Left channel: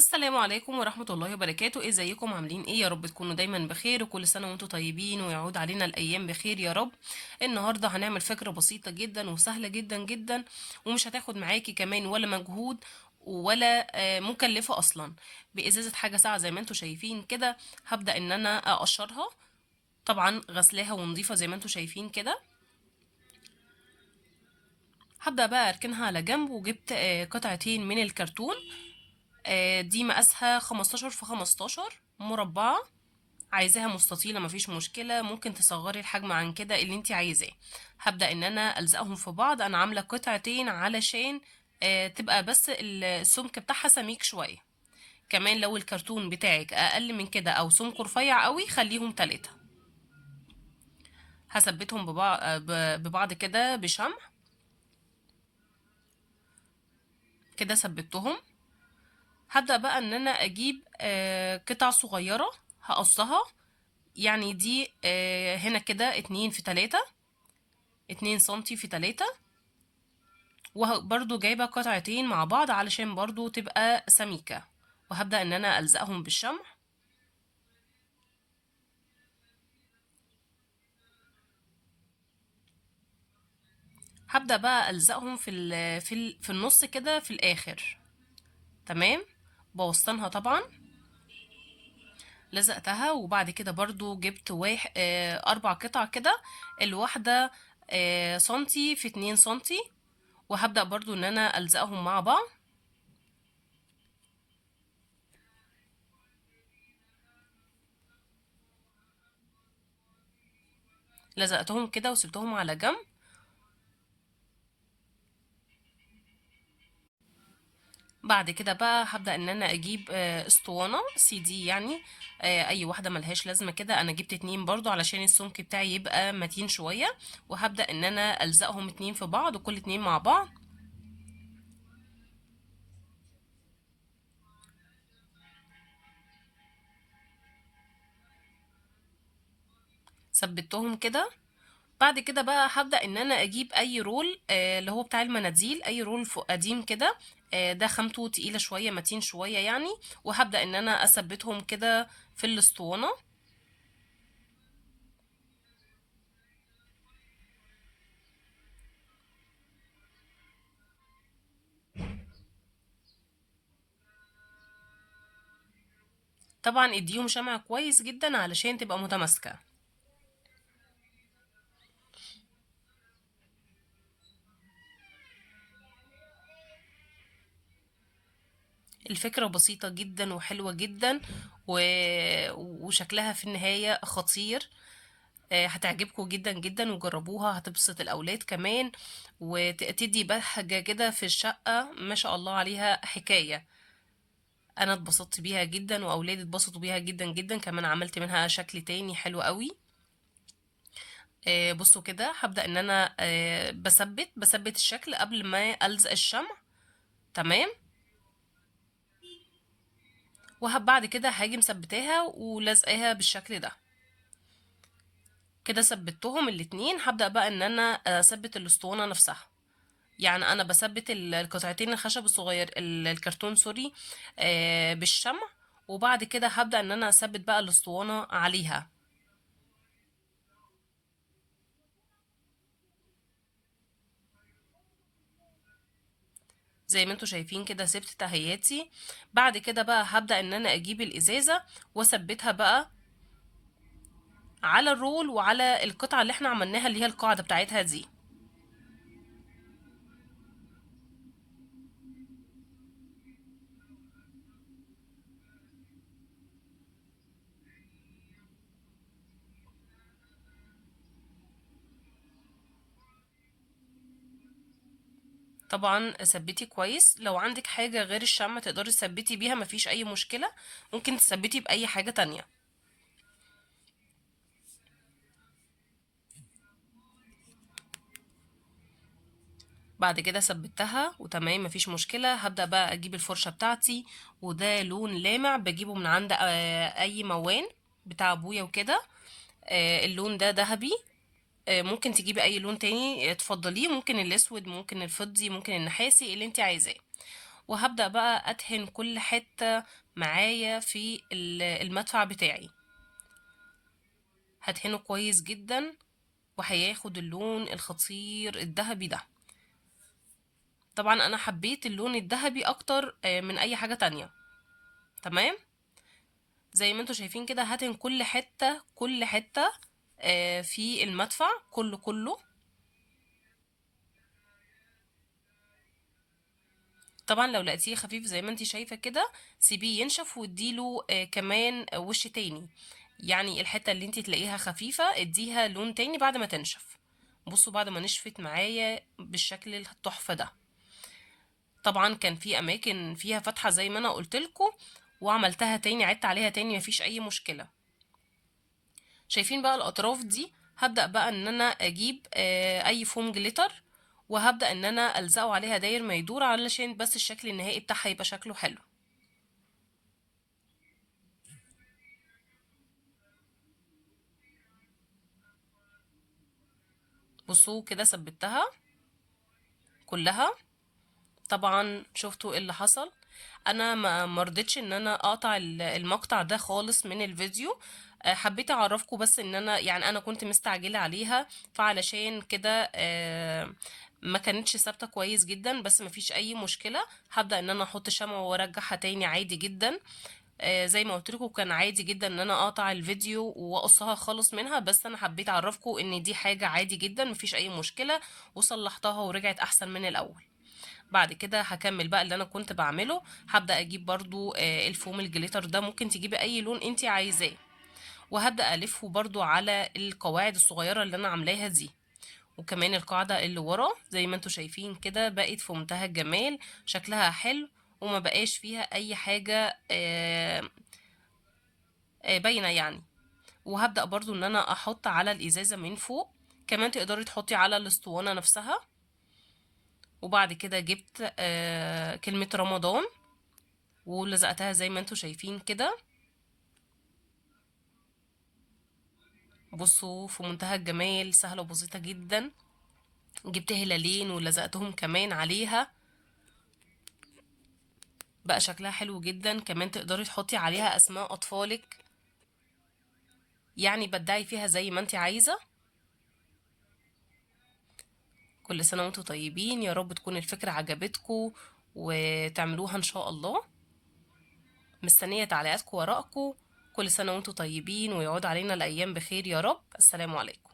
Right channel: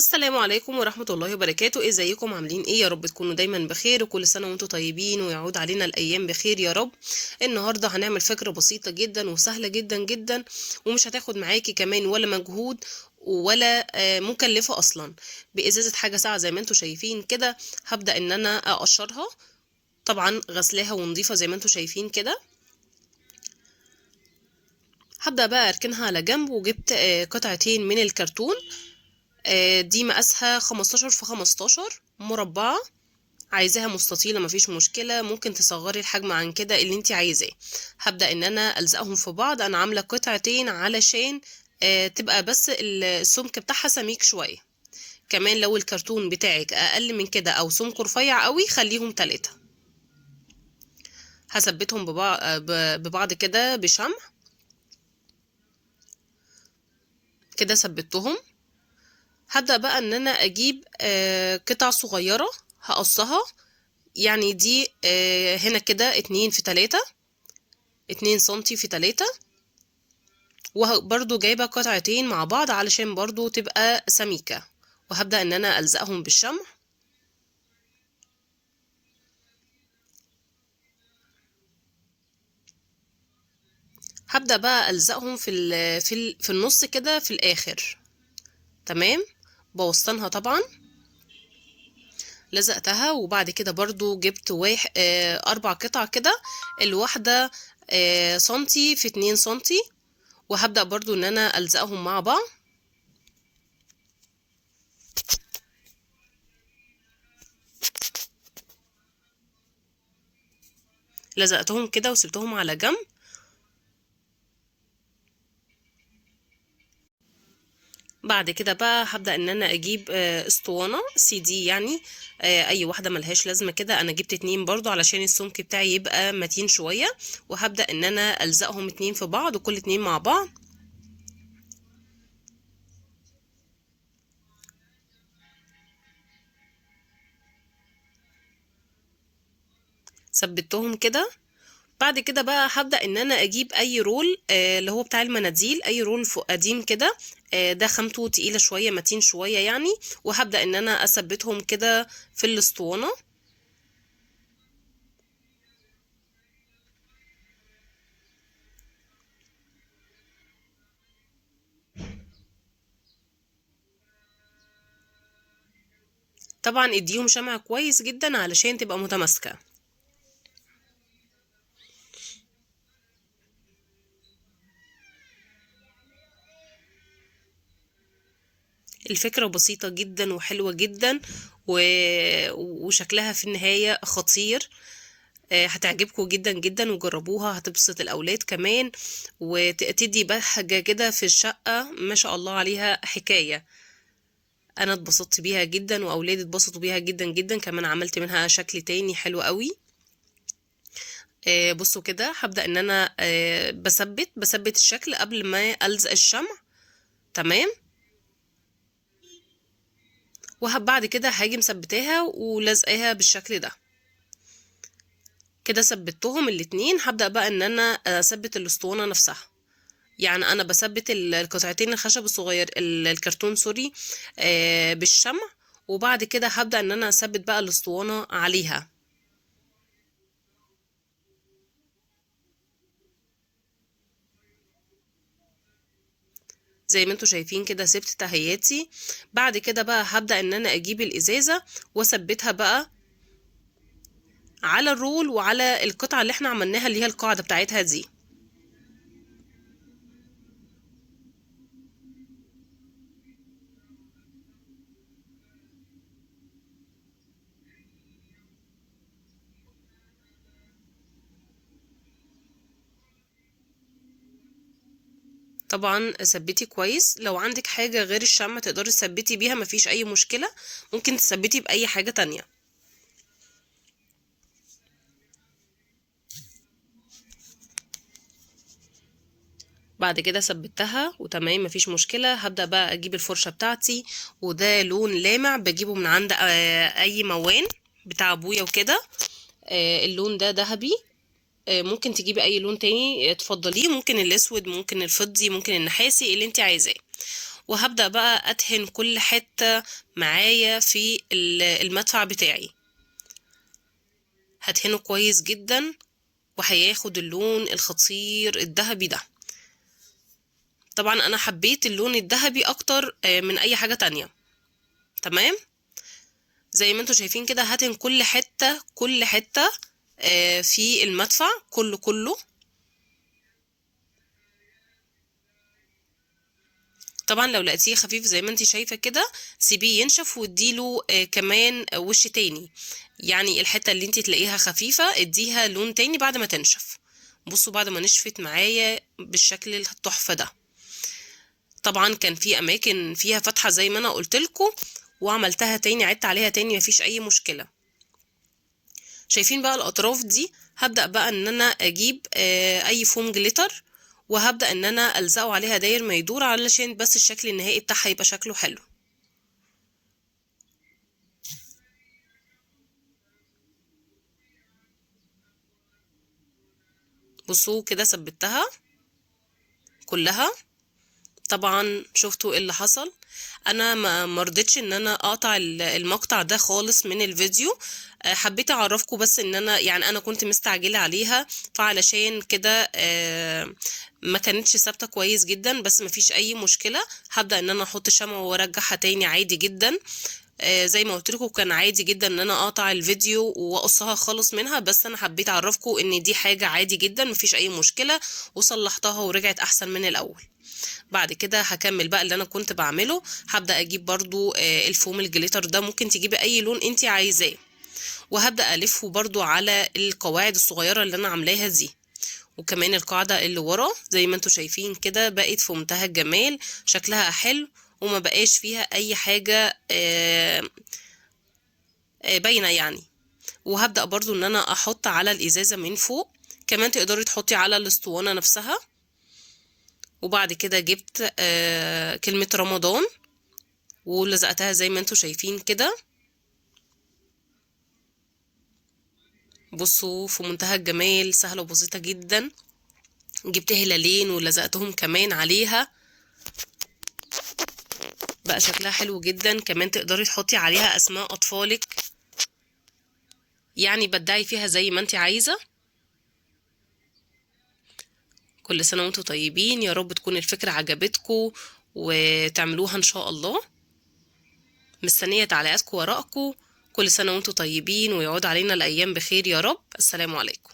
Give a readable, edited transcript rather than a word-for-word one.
السلام عليكم ورحمة الله وبركاته. ازيكم عاملين ايه؟ يا رب تكونوا دايما بخير وكل سنة وانتم طيبين ويعود علينا الأيام بخير يا رب. النهاردة هنعمل فكرة بسيطة جدا وسهلة جدا جدا، ومش هتاخد معاكي كمان ولا مجهود ولا مكلفة أصلا. بإزازة حاجة ساعة زي ما انتم شايفين كده. هبدأ ان انا أقشرها، طبعا غسلاها ونضيفة زي ما انتم شايفين كده. هبدأ بقى أركنها على جنب، وجبت قطعتين من الكرتون. دي مقاسها 15 في 15 مربعة. عايزاها مستطيلة مفيش مشكلة، ممكن تصغري الحجم عن كده اللي انت عايزاه. هبدأ ان انا الزقهم في بعض. انا عاملة قطعتين علشان تبقى بس السمك بتاعها سميك شوية. كمان لو الكرتون بتاعك اقل من كده او سمكه رفيع قوي خليهم 3. هثبتهم ببعض كده بشمع. كده ثبتهم. هبدأ بقى ان انا اجيب قطع صغيرة هقصها. يعني دي هنا كده 2 في 3، 2 سنتي في 3. وبرضو جايبة قطعتين مع بعض علشان برضو تبقى سميكة. وهبدأ ان انا ألزقهم بالشمع. هبدأ بقى ألزقهم في النص كده في الآخر. تمام. بوسطنها طبعا. لزقتها وبعد كده برضو جبت 4 قطع كده. الواحدة سنتي في 2 سنتي. وهبدأ برضو ان انا ألزقهم مع بعض. لزقتهم كده وسبتهم على جنب. بعد كده بقى هبدأ ان انا اجيب اسطوانة CD يعني. اي واحدة ملهاش لازمة كده. انا جبت 2 برضو علشان السمك بتاعي يبقى متين شوية. وهبدأ ان انا الزقهم 2 في بعض وكل 2 مع بعض. ثبتهم كده. بعد كده بقى هبدأ ان انا اجيب اي رول اللي هو بتاع المناديل، اي رول فوق قديم كده. ده خامته تقيلة شوية متين شوية يعني. وهبدأ ان انا اثبتهم كده في الاسطوانة. طبعا اديهم شمع كويس جدا علشان تبقى متماسكة. الفكرة بسيطة جدا وحلوة جدا و... وشكلها في النهاية خطير. هتعجبكم جدا جدا وجربوها هتبسط الأولاد كمان. وتدي بهجة كده في الشقة ما شاء الله عليها حكاية. أنا اتبسطت بيها جدا وأولادي اتبسطوا بيها جدا جدا. كمان عملت منها شكل تاني حلو قوي. بصوا كده. هبدأ ان انا بثبت الشكل قبل ما ألزق الشمع. تمام. وبعد كده هاجي مثبتاها ولزقاها بالشكل ده. كده ثبتهم الاتنين. هبدأ بقى ان انا اثبت الاسطوانة نفسها. يعني انا بثبت القطعتين الخشب الصغير الكرتون سوري بالشمع. وبعد كده هبدأ ان انا اثبت بقى الاسطوانة عليها. زي ما انتوا شايفين كده سبت تهياتي. بعد كده بقى هبدأ ان انا اجيب الازازة واثبتها بقى على الرول وعلى القطعة اللي احنا عملناها اللي هي القاعدة بتاعتها دي. طبعا ثبتي كويس. لو عندك حاجة غير الشمع تقدري تثبتي بيها مفيش اي مشكلة. ممكن تثبتي بأي حاجة تانية. بعد كده ثبتها وتمام مفيش مشكلة. هبدأ بقى اجيب الفرشة بتاعتي. وده لون لامع بجيبه من عند اي موان بتاع ابويا وكده. اللون ده ذهبي. ممكن تجيبي اي لون تاني تفضليه. ممكن الاسود، ممكن الفضي، ممكن النحاسي اللي انت عايزاه. وهبدأ بقى أدهن كل حتة معايا في المدفع بتاعي. هدهنه كويس جدا وهياخد اللون الخطير الذهبي ده. طبعا أنا حبيت اللون الذهبي أكتر من أي حاجة تانية. تمام، زي ما انتوا شايفين كده هدهن كل حتة كل حتة في المدفع كله. طبعا لو لقيتيه خفيف زي ما انتي شايفة كده سيبيه ينشف واديله كمان وش تاني. يعني الحتة اللي انتي تلاقيها خفيفة اديها لون تاني بعد ما تنشف. بصوا بعد ما نشفت معايا بالشكل التحفة ده. طبعا كان في اماكن فيها فتحة زي ما انا قلتلكوا وعملتها تاني، عدت عليها تاني، مفيش اي مشكلة. شايفين بقى الاطراف دي؟ هبدأ بقى ان انا اجيب اي فوم جليتر وهبدأ ان انا الزقه عليها داير ما يدور علشان بس الشكل النهائي بتاعها يبقى شكله حلو. بصوا كده ثبتها كلها. طبعا شفتوا ايه اللي حصل؟ انا ما مرضتش ان انا اقطع المقطع ده خالص من الفيديو. حبيت اعرفكم بس ان انا يعني انا كنت مستعجلة عليها، فعلشان كده ما كانتش ثابتة كويس جدا، بس ما فيش اي مشكلة. هبدأ ان انا احط شمع وارجعها تاني عادي جدا. زي ما قلت لكم كان عادي جدا ان انا اقطع الفيديو واقصها خالص منها، بس انا حبيت اعرفكم ان دي حاجة عادي جدا مفيش اي مشكلة، وصلحتها ورجعت احسن من الاول. بعد كده هكمل بقى اللي انا كنت بعمله. هبدأ اجيب برضو الفوم الجليتر ده، ممكن تجيبي اي لون انت عايزاه، وهبدأ الفه برضو على القواعد الصغيرة اللي انا عاملاها دي. وكمان القاعدة اللي ورا زي ما انتوا شايفين كده بقت في منتهى الجمال، شكلها حلو وما بقاش فيها اي حاجة باينة يعني. وهبدأ برضو ان انا احط على الازازة من فوق، كمان تقدري تحطي على الاسطوانة نفسها. وبعد كده جبت كلمة رمضان ولزقتها زي ما انتوا شايفين كده. بصوا في منتهى الجمال، سهلة وبسيطة جدا. جبت هلالين ولزقتهم كمان عليها، بقى شكلها حلو جدا. كمان تقدري تحطي عليها اسماء اطفالك، يعني بدعي فيها زي ما انت عايزة. كل سنة وانتوا طيبين، يا رب تكون الفكرة عجبتكم وتعملوها ان شاء الله. مستنية تعليقاتكم ورائكم. كل سنة وانتوا طيبين ويعود علينا الأيام بخير يا رب. السلام عليكم.